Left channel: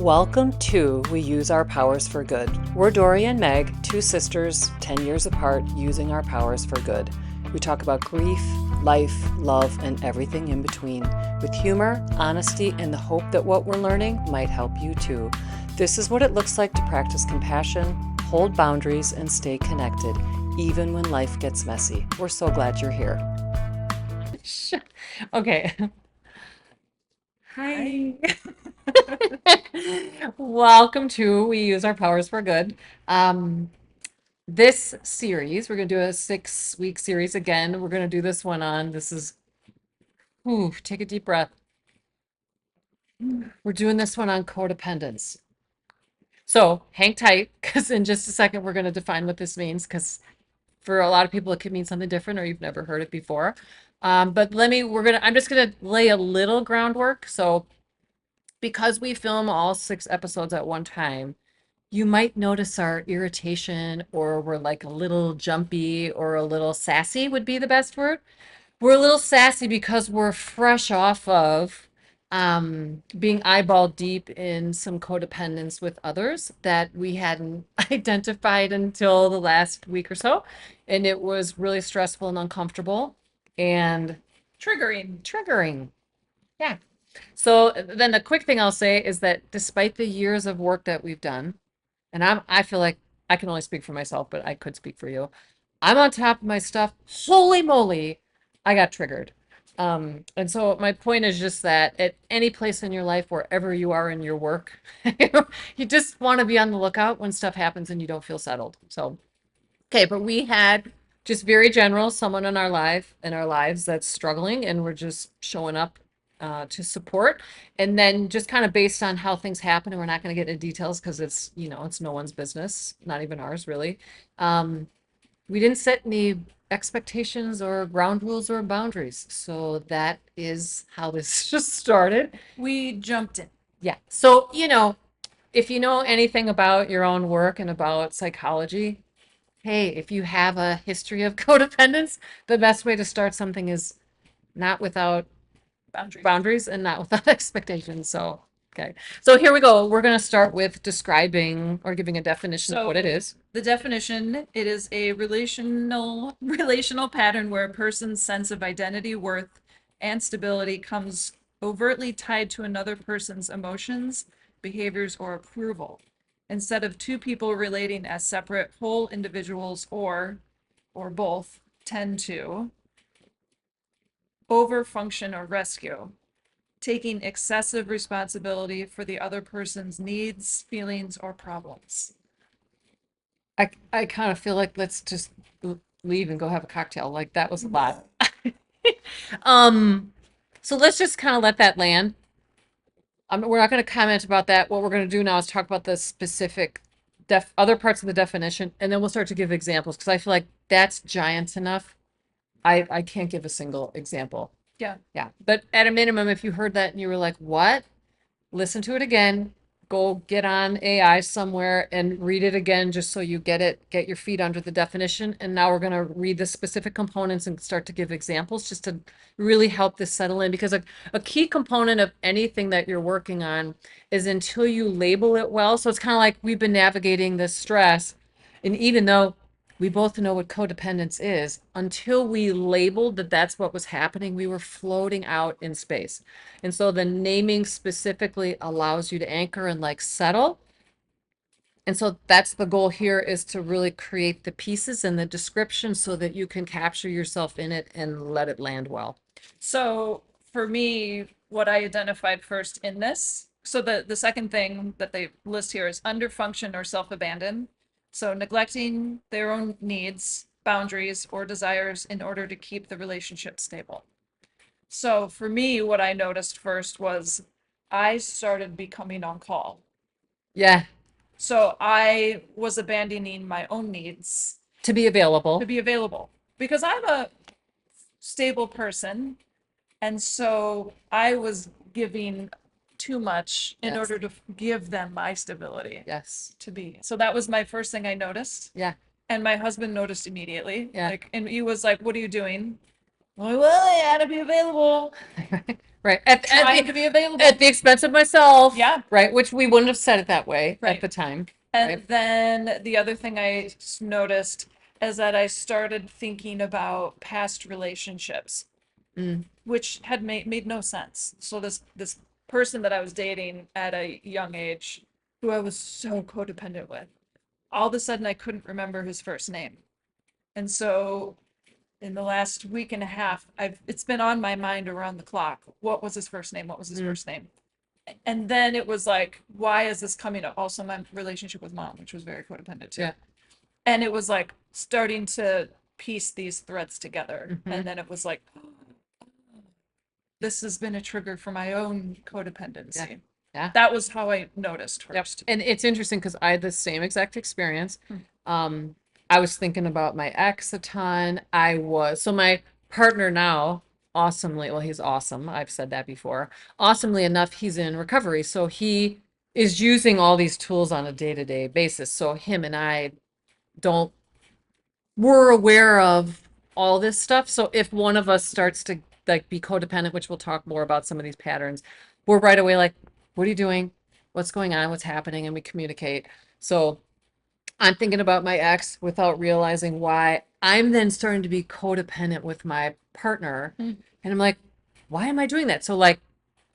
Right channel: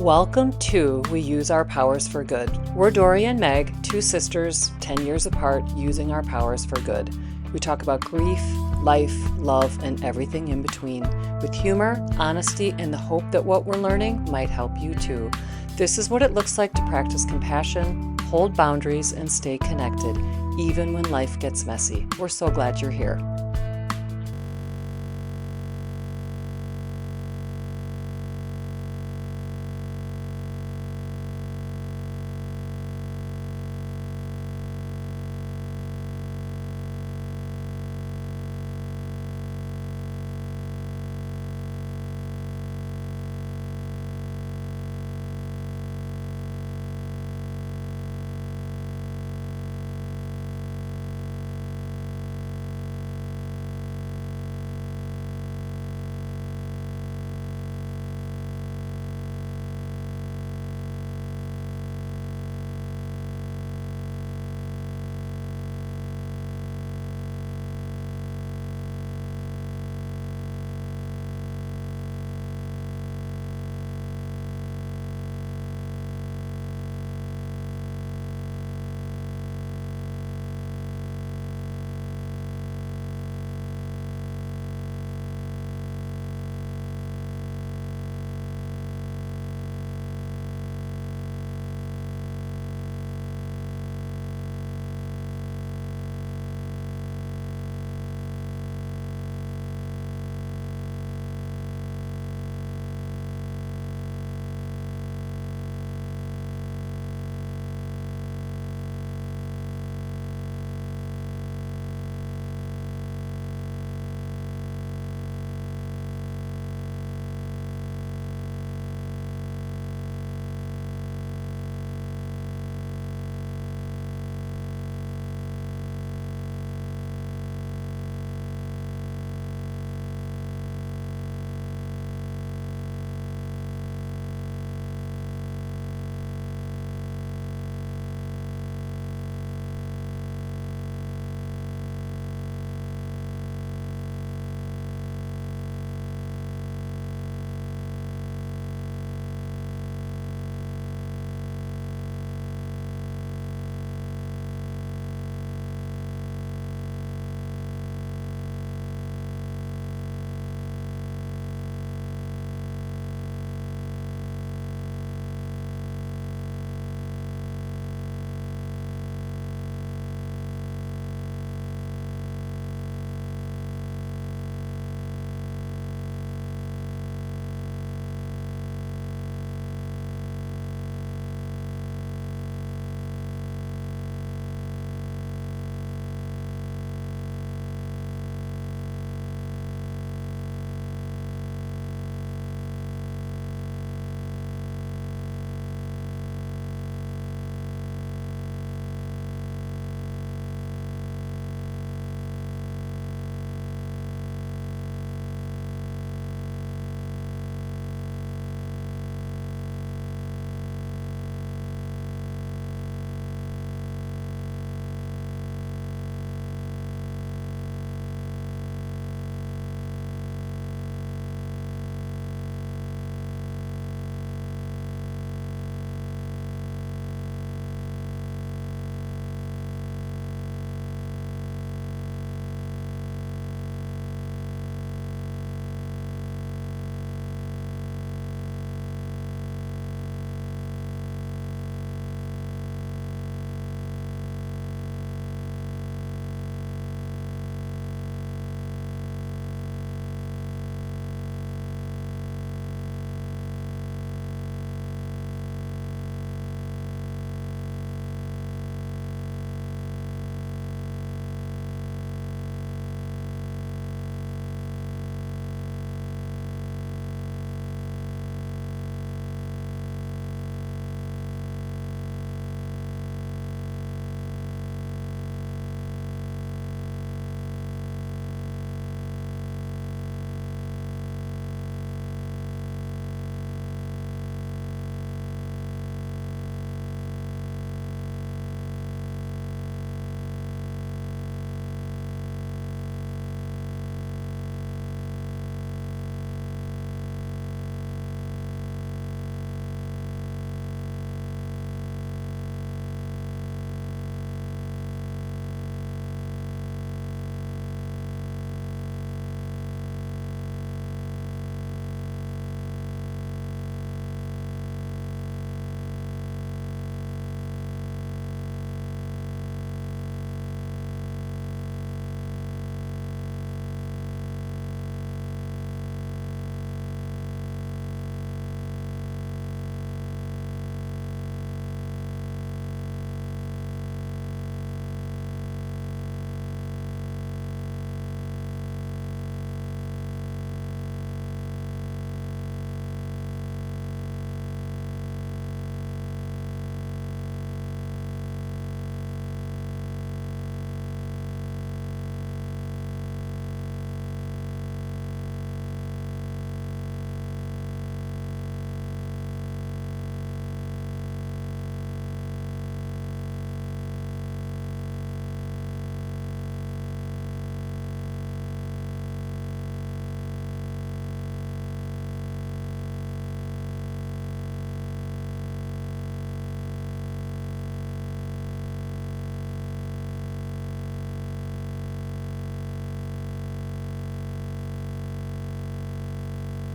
Welcome to We Use Our Powers for Good. We're Dory and Meg, two sisters, 10 years apart, using our powers for good. We talk about grief, life, love, and everything in between, with humor, honesty, and the hope that what we're learning might help you too. This is what it looks like to practice compassion, hold boundaries, and stay connected, even when life gets messy. We're so glad you're here. Okay. Hi. Welcome to We Use Our Powers for Good. This series, we're going to do a 6-week series again. We're going to do this one on, take a deep breath. We're doing this one on codependence. So hang tight, because in just a second, we're going to define what this means, because for a lot of people, it could mean something different or you've never heard it before. But I'm just going to lay a little groundwork. So because we film all 6 episodes at one time, you might notice our irritation, or we're like a little jumpy or a little sassy would be the best word. We're a little sassy because we're fresh off of being eyeball deep in some codependence with others that we hadn't identified until the last week or so. And it was really stressful and uncomfortable and triggering. Yeah. So then the quick thing I'll say is that despite the years of work that we've done, and I feel like I can only speak for myself, but I could speak for you. I'm on top of my stuff. Holy moly, I got triggered. And so my point is just that at any place in your life, wherever you are in your work, you just want to be on the lookout when stuff happens and you don't feel settled. So, okay, but we had just very general someone in our lives that's struggling, and we're just showing up to support. And then just kind of based on how things happen, and we're not going to get into details because it's no one's business, not even ours really. We didn't set any expectations or ground rules or boundaries, so that is how this just started. We jumped in. Yeah. So if you know anything about your own work and about psychology, hey, if you have a history of codependence, the best way to start something is not without boundaries and not without expectations. So, okay. So here we go. We're going to start with describing or giving a definition of what it is. The definition, it is a relational pattern where a person's sense of identity, worth, and stability comes overtly tied to another person's emotions, behaviors, or approval, instead of two people relating as separate whole individuals, or both tend to overfunction or rescue, taking excessive responsibility for the other person's needs, feelings, or problems. I kind of feel like let's just leave and go have a cocktail. Like that was a lot. So let's just kind of let that land. We're not going to comment about that. What we're going to do now is talk about the specific other parts of the definition, and then we'll start to give examples, because I feel like that's giant enough. I can't give a single example. Yeah. Yeah. But at a minimum, if you heard that and you were like, what? Listen to it again. Go get on AI somewhere and read it again, just so you get your feet under the definition. And now we're going to read the specific components and start to give examples, just to really help this settle in, because a key component of anything that you're working on is until you label it well. So it's kind of like we've been navigating this stress, and even though we both know what codependence is, until we labeled that that's what was happening, we were floating out in space. And so the naming specifically allows you to anchor and settle. And so that's the goal here, is to really create the pieces and the description so that you can capture yourself in it and let it land well. So for me, what I identified first in this, so the second thing that they list here is underfunction or self-abandon. So neglecting their own needs, boundaries, or desires in order to keep the relationship stable. So for me, what I noticed first was I started becoming on call. Yeah. So I was abandoning my own needs To be available. because I'm a stable person, and so I was giving too much in Yes. order to give them my stability. Yes. So that was my first thing I noticed. Yeah. And my husband noticed immediately. Yeah. And he was like, "What are you doing?" I'm like, "Well, I had to be available." Right. trying to be available. At the expense of myself. Yeah. Right. Which we wouldn't have said it that way Right. at the time. And Right. then the other thing I noticed is that I started thinking about past relationships, which had made no sense. So this person that I was dating at a young age, who I was so codependent with, all of a sudden I couldn't remember his first name. And so in the last week and a half, it's been on my mind around the clock. What was his first name? What was his first name? And then it was like, why is this coming up? Also, my relationship with mom, which was very codependent too. Yeah. And it was like starting to piece these threads together. And then it was like, this has been a trigger for my own codependency. Yeah. That was how I noticed Yep. first. And it's interesting because I had the same exact experience. I was thinking about my ex a ton. So my partner now, awesomely, well, he's awesome. I've said that before. Awesomely enough, he's in recovery. So he is using all these tools on a day-to-day basis. So him and I we're aware of all this stuff. So if one of us starts to like be codependent, which we'll talk more about some of these patterns, we're right away like, what are you doing? What's going on? What's happening? And we communicate. So I'm thinking about my ex without realizing why. I'm then starting to be codependent with my partner. And I'm like, why am I doing that? So like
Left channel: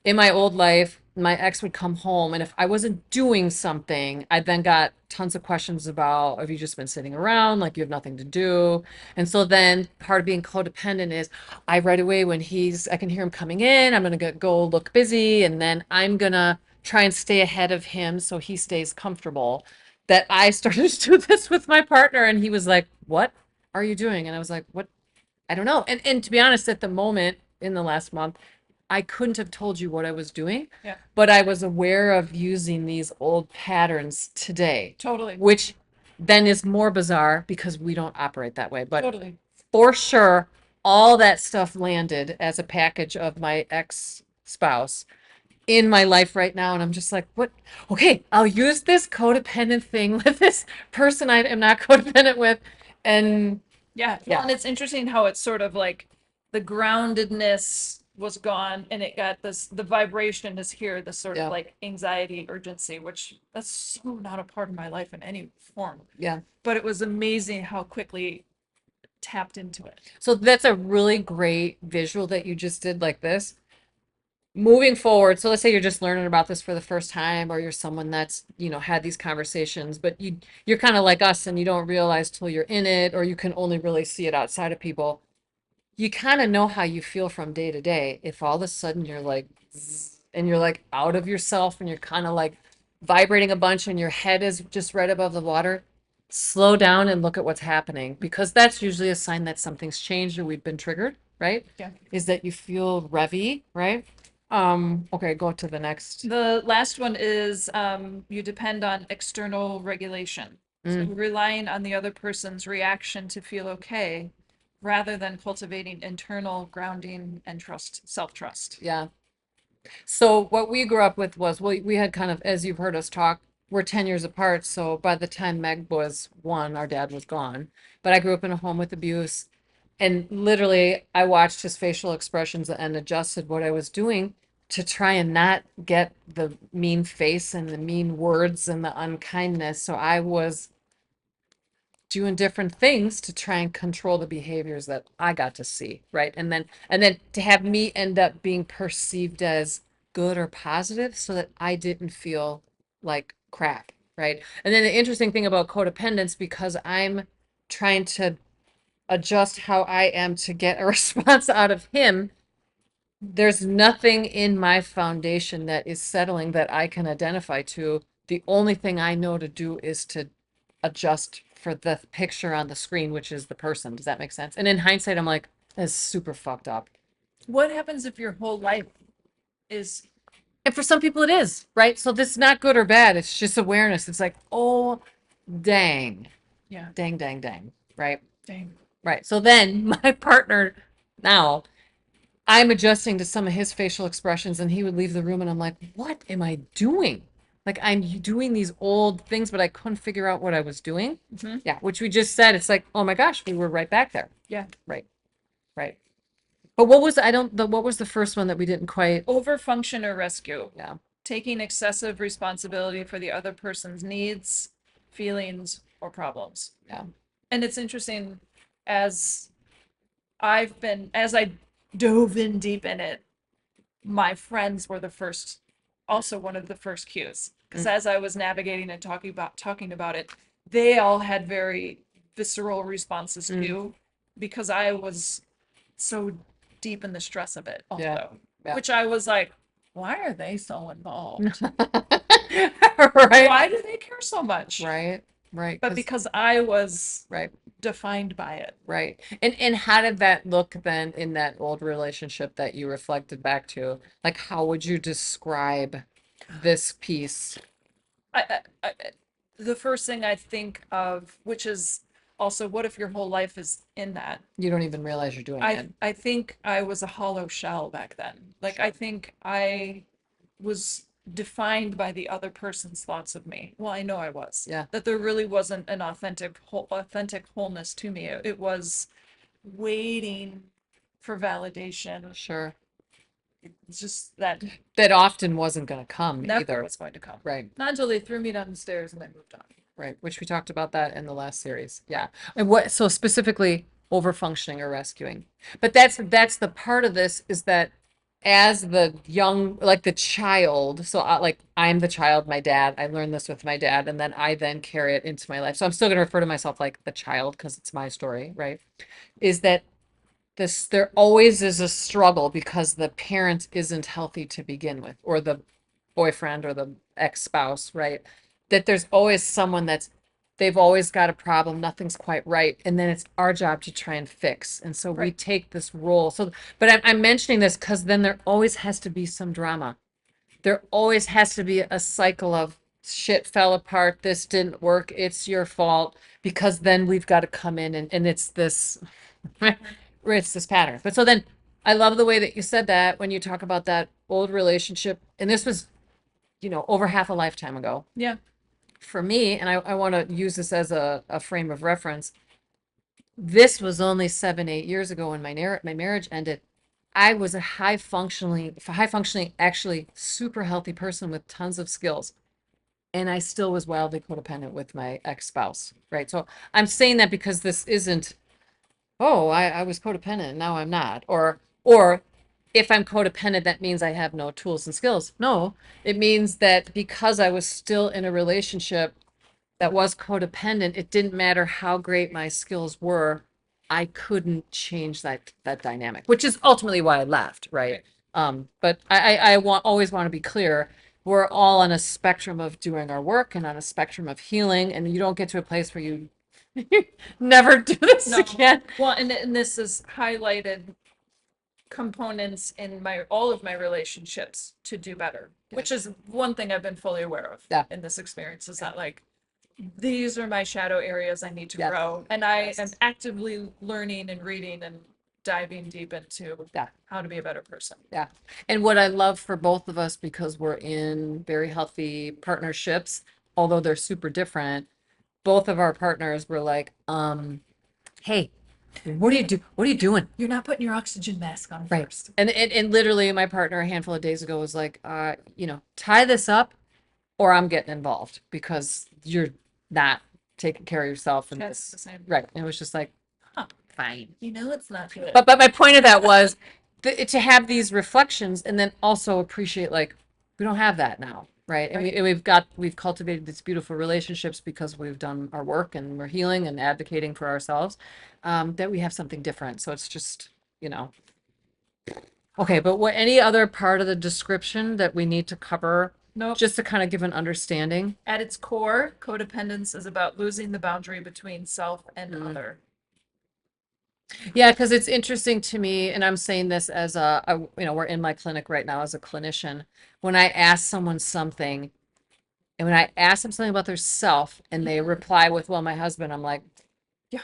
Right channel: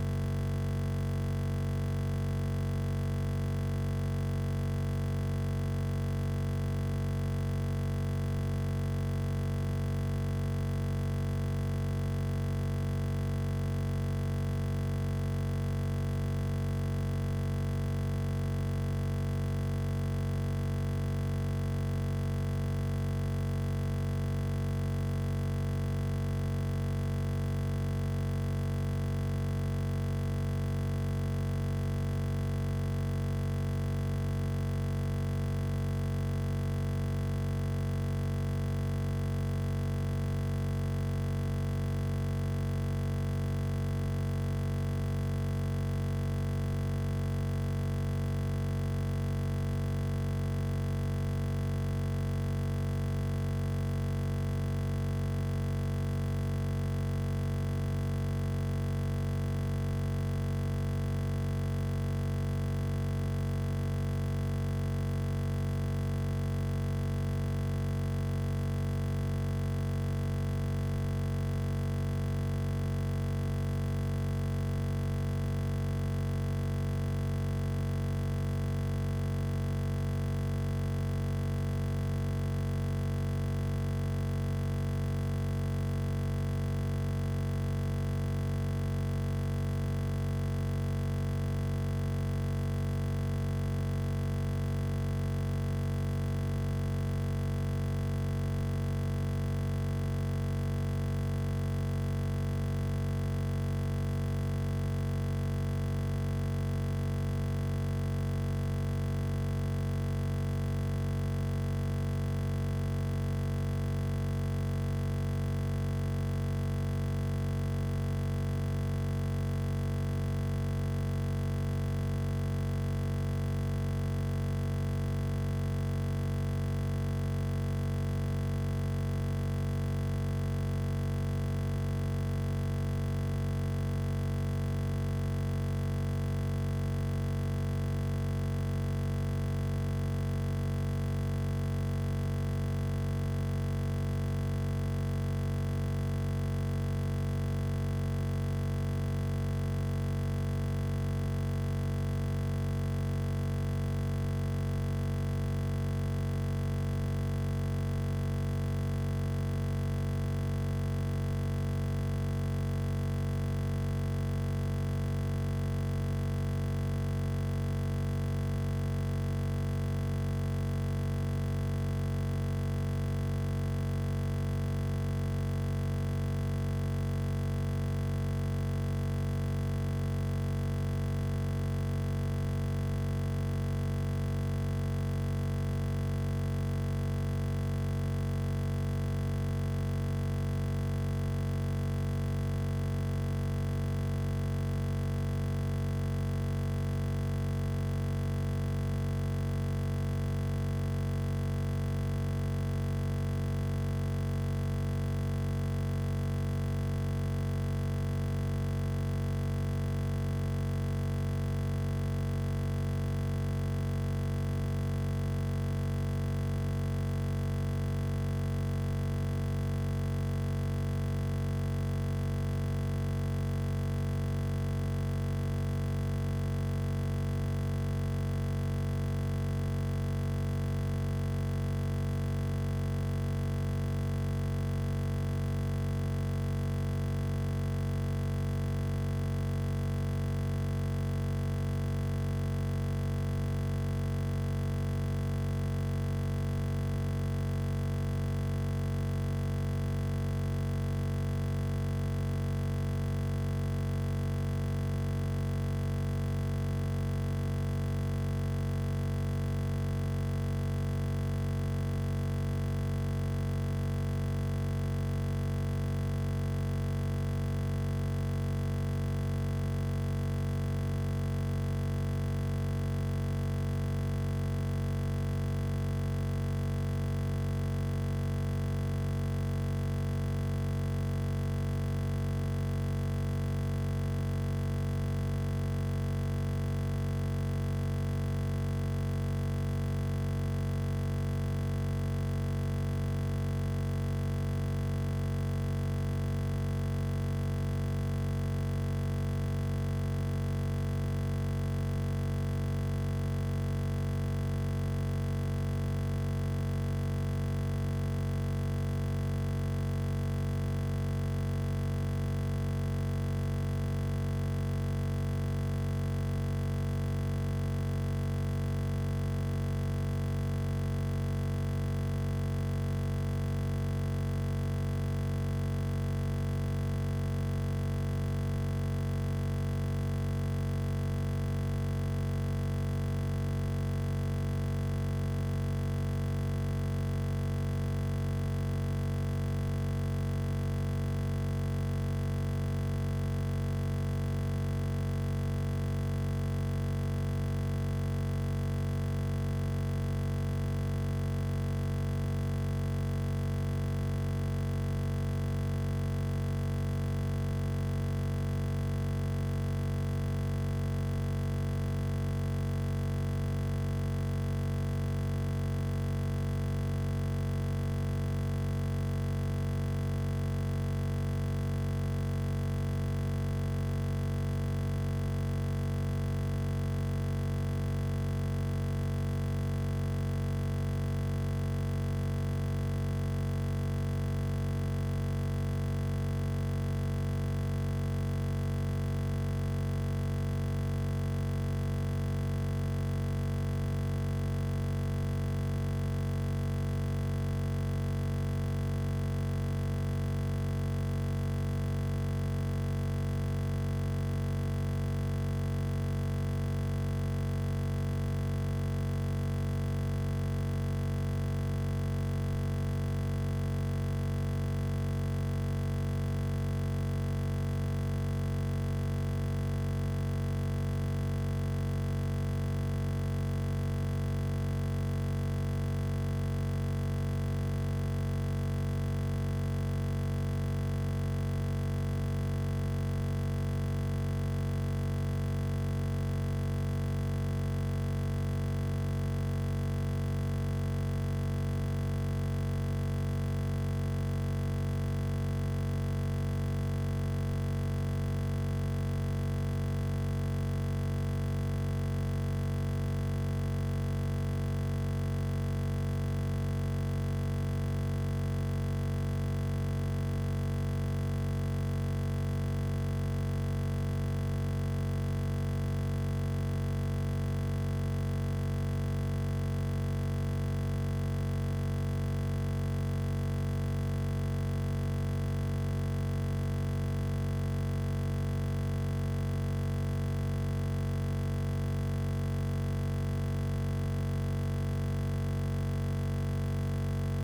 in my old life, my ex would come home, and if I wasn't doing something, I then got tons of questions about, have you just been sitting around, like you have nothing to do? And so then part of being codependent is I right away when I can hear him coming in, I'm gonna go look busy, and then I'm gonna try and stay ahead of him so he stays comfortable. That I started to do this with my partner, and he was like, what are you doing? And I was like, what? I don't know. And to be honest, at the moment, in the last month, I couldn't have told you what I was doing, but I was aware of using these old patterns today. Totally. Which then is more bizarre because we don't operate that way. But Totally. for sure, all that stuff landed as a package of my ex-spouse in my life right now. And I'm just like, what? Okay, I'll use this codependent thing with this person I am not codependent with. And Yeah. Well, and it's interesting how it's sort of like the groundedness was gone and it got the vibration is here, this sort of like anxiety, urgency, which that's so not a part of my life in any form. Yeah. But it was amazing how quickly tapped into it. So that's a really great visual that you just did like this. Moving forward, so let's say you're just learning about this for the first time, or you're someone that's, had these conversations, but you're kind of like us and you don't realize till you're in it, or you can only really see it outside of people. You kind of know how you feel from day to day. If all of a sudden you're like, and you're like out of yourself and you're kind of like vibrating a bunch and your head is just right above the water, slow down and look at what's happening, because that's usually a sign that something's changed or we've been triggered, right? Yeah. Is that you feel revvy, right? Okay, go to the next. The last one is you depend on external regulation. So relying on the other person's reaction to feel okay, rather than cultivating internal grounding and self-trust. Yeah. So what we grew up with was, we had kind of, as you've heard us talk, we're 10 years apart. So by the time Meg was 1, our dad was gone. But I grew up in a home with abuse. And literally, I watched his facial expressions and adjusted what I was doing to try and not get the mean face and the mean words and the unkindness. So I was doing different things to try and control the behaviors that I got to see, right? And then to have me end up being perceived as good or positive so that I didn't feel like crap, right? And then the interesting thing about codependence, because I'm trying to adjust how I am to get a response out of him, there's nothing in my foundation that is settling that I can identify to. The only thing I know to do is to adjust for the picture on the screen, which is the person. Does that make sense? And in hindsight, I'm like, that's super fucked up. What happens if your whole life is... And for some people it is, right? So this is not good or bad. It's just awareness. It's like, oh, dang. Yeah. Dang, dang, dang, right? Dang. Right. So then my partner now, I'm adjusting to some of his facial expressions, and he would leave the room and I'm like, what am I doing? Like, I'm doing these old things, but I couldn't figure out what I was doing. Yeah, which we just said, it's like, oh my gosh, we were right back there. Yeah. Right. But what was, what was the first one that we didn't quite, Overfunction or rescue. yeah, Taking excessive responsibility for the other person's needs, feelings, or problems. yeah, And it's interesting, as as I dove in deep in it, my friends were also one of the first cues. Because as I was navigating and talking about it, they all had very visceral responses too, because I was so deep in the stress of it also. yeah. Which I was like, why are they so involved? Right, Why do they care so much? right, right. But 'cause- because I was Right. defined by it. Right. And how did that look then in that old relationship that you reflected back to? Like, how would you describe this piece? I, the first thing I think of, which is also, what if your whole life is in that? You don't even realize you're doing it. I think I was a hollow shell back then. Like, I think I was defined by the other person's thoughts of me. Well, I know I was. Yeah. That there really wasn't an authentic wholeness to me. It was waiting for validation. Sure. It's just that That often wasn't going to come never either. was going to come. Right, Not until they threw me down the stairs and then moved on. right. Which we talked about that in the last series. Yeah. And what, so specifically over functioning or rescuing. But that's the part of this is that as the young, like the child, so like I'm the child, my dad, I learned this with my dad, and then I then carry it into my life. So I'm still going to refer to myself like the child because it's my story, right? Is that there always is a struggle because the parent isn't healthy to begin with, or the boyfriend or the ex-spouse, right? That there's always someone they've always got a problem, nothing's quite right, and then it's our job to try and fix. And so we Right. take this role. So, but I'm mentioning this because then there always has to be some drama. There always has to be a cycle of shit fell apart, this didn't work, it's your fault, because then we've got to come in and it's this, it's this pattern. But so then, I love the way that you said that when you talk about that old relationship, and this was, over half a lifetime ago. Yeah. For me, and I want to use this as a frame of reference, this was only 7-8 years ago when my marriage ended. I was a high functioning, actually super healthy person with tons of skills. And I still was wildly codependent with my ex-spouse, right? So I'm saying that because this isn't, oh, I was codependent, now I'm not. Or if I'm codependent, that means I have no tools and skills. No, it means that because I was still in a relationship that was codependent, it didn't matter how great my skills were, I couldn't change that dynamic, which is ultimately why I left, right? But I always want to be clear, we're all on a spectrum of doing our work and on a spectrum of healing, and you don't get to a place where you never do this No. again. Well, and this is highlighted components in all of my relationships to do better, which is one thing I've been fully aware of Yeah. in this experience, is that, like, these are my shadow areas I need to Yeah. grow, and I Yes. am actively learning and reading and diving deep into Yeah. how to be a better person. Yeah. And what I love for both of us, because we're in very healthy partnerships, although they're super different, both of our partners were like, hey, what are you doing? You're not putting your oxygen mask on Right. first. And literally my partner a handful of days ago was like, tie this up or I'm getting involved because you're not taking care of yourself. And That's the same. right. And it was just like, fine. You know it's not good. But my point of that was to have these reflections and then also appreciate, like, we don't have that now, right? And Right. we've cultivated these beautiful relationships because we've done our work and we're healing and advocating for ourselves, that we have something different. So it's just, okay, but any other part of the description that we need to cover, Nope. just to kind of give an understanding? At its core, codependence is about losing the boundary between self and Mhm. other. Yeah, because it's interesting to me, and I'm saying this as we're in my clinic right now as a clinician. When I ask someone something, and when I ask them something about their self, and they reply with, "Well, my husband," I'm like, Yeah.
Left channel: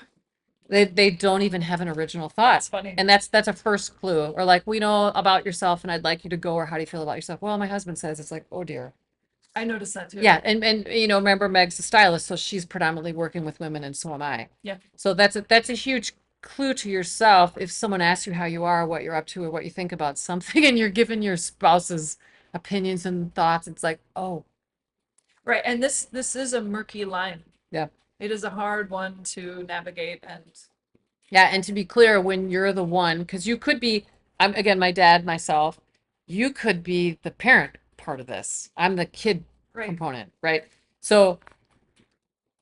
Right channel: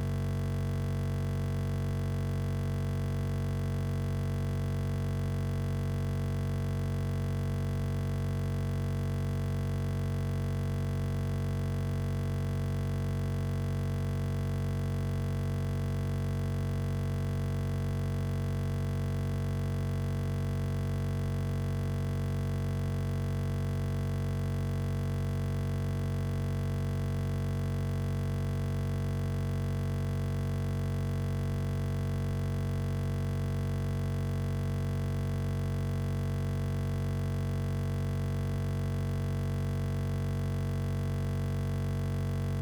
they don't even have an original thought. That's funny. And that's a first clue. Or like, we know about yourself, and I'd like you to go, or how do you feel about yourself? Well, my husband says. It's like, oh dear. I noticed that too. Yeah, and remember Meg's a stylist, so she's predominantly working with women, and so am I. Yeah. So that's a huge clue to yourself if someone asks you how you are, what you're up to, or what you think about something, and you're giving your spouse's opinions and thoughts. It's like, oh, Right, and this is a murky line. yeah. It is a hard one to navigate, and Yeah, and to be clear, when you're the one, because you could be, I'm again, my dad, myself, you could be the parent part of this. I'm the kid Right. component, right? So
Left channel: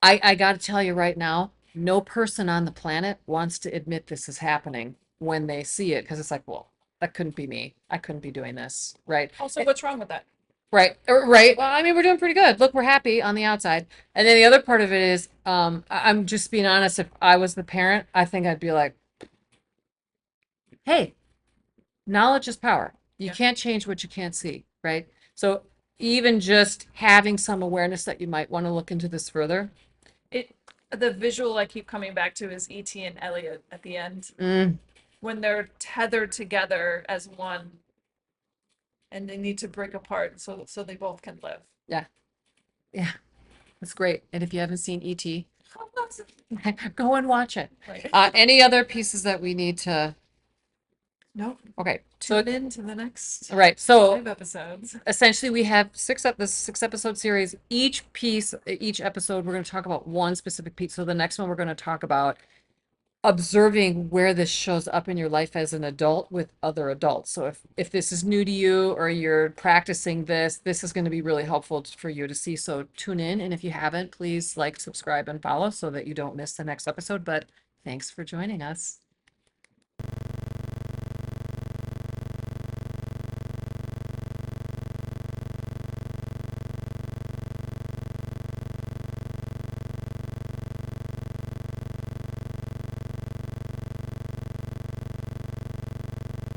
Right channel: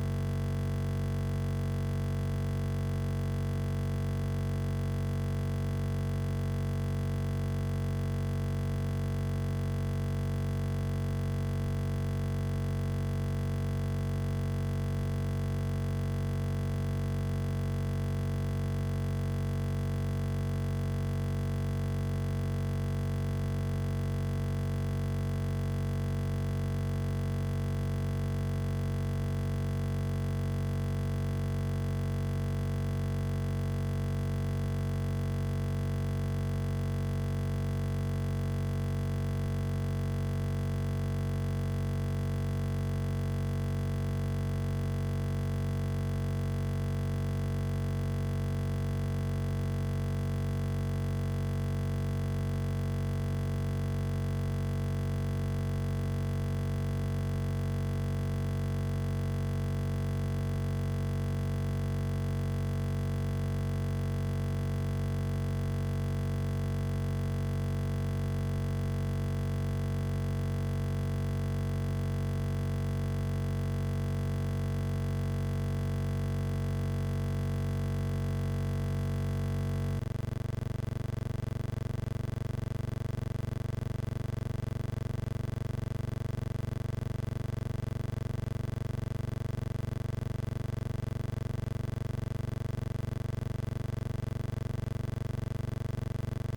I got to tell you right now, no person on the planet wants to admit this is happening when they see it, because it's like, well, that couldn't be me. I couldn't be doing this, right? also, what's wrong with that? Right, right. Well, I mean, we're doing pretty good. Look, we're happy on the outside. And then the other part of it is, I'm just being honest. If I was the parent, I think I'd be like, hey, knowledge is power. You Yeah. can't change what you can't see, right? So even just having some awareness that you might want to look into this further. The visual I keep coming back to is E.T. and Elliot at the end, when they're tethered together as one, and they need to break apart so they both can live. Yeah, yeah, it's great. And if you haven't seen E.T., go and watch it. Right. Any other pieces that we need to? No. Okay, so Tune in to the next right, so 5 episodes. essentially we have this 6 episode series. Each episode, we're going to talk about one specific piece. So the next one, we're going to talk about observing where this shows up in your life as an adult with other adults. So if this is new to you or you're practicing this is going to be really helpful for you to see. So tune in, and if you haven't, please like, subscribe, and follow so that you don't miss the next episode. But thanks for joining us.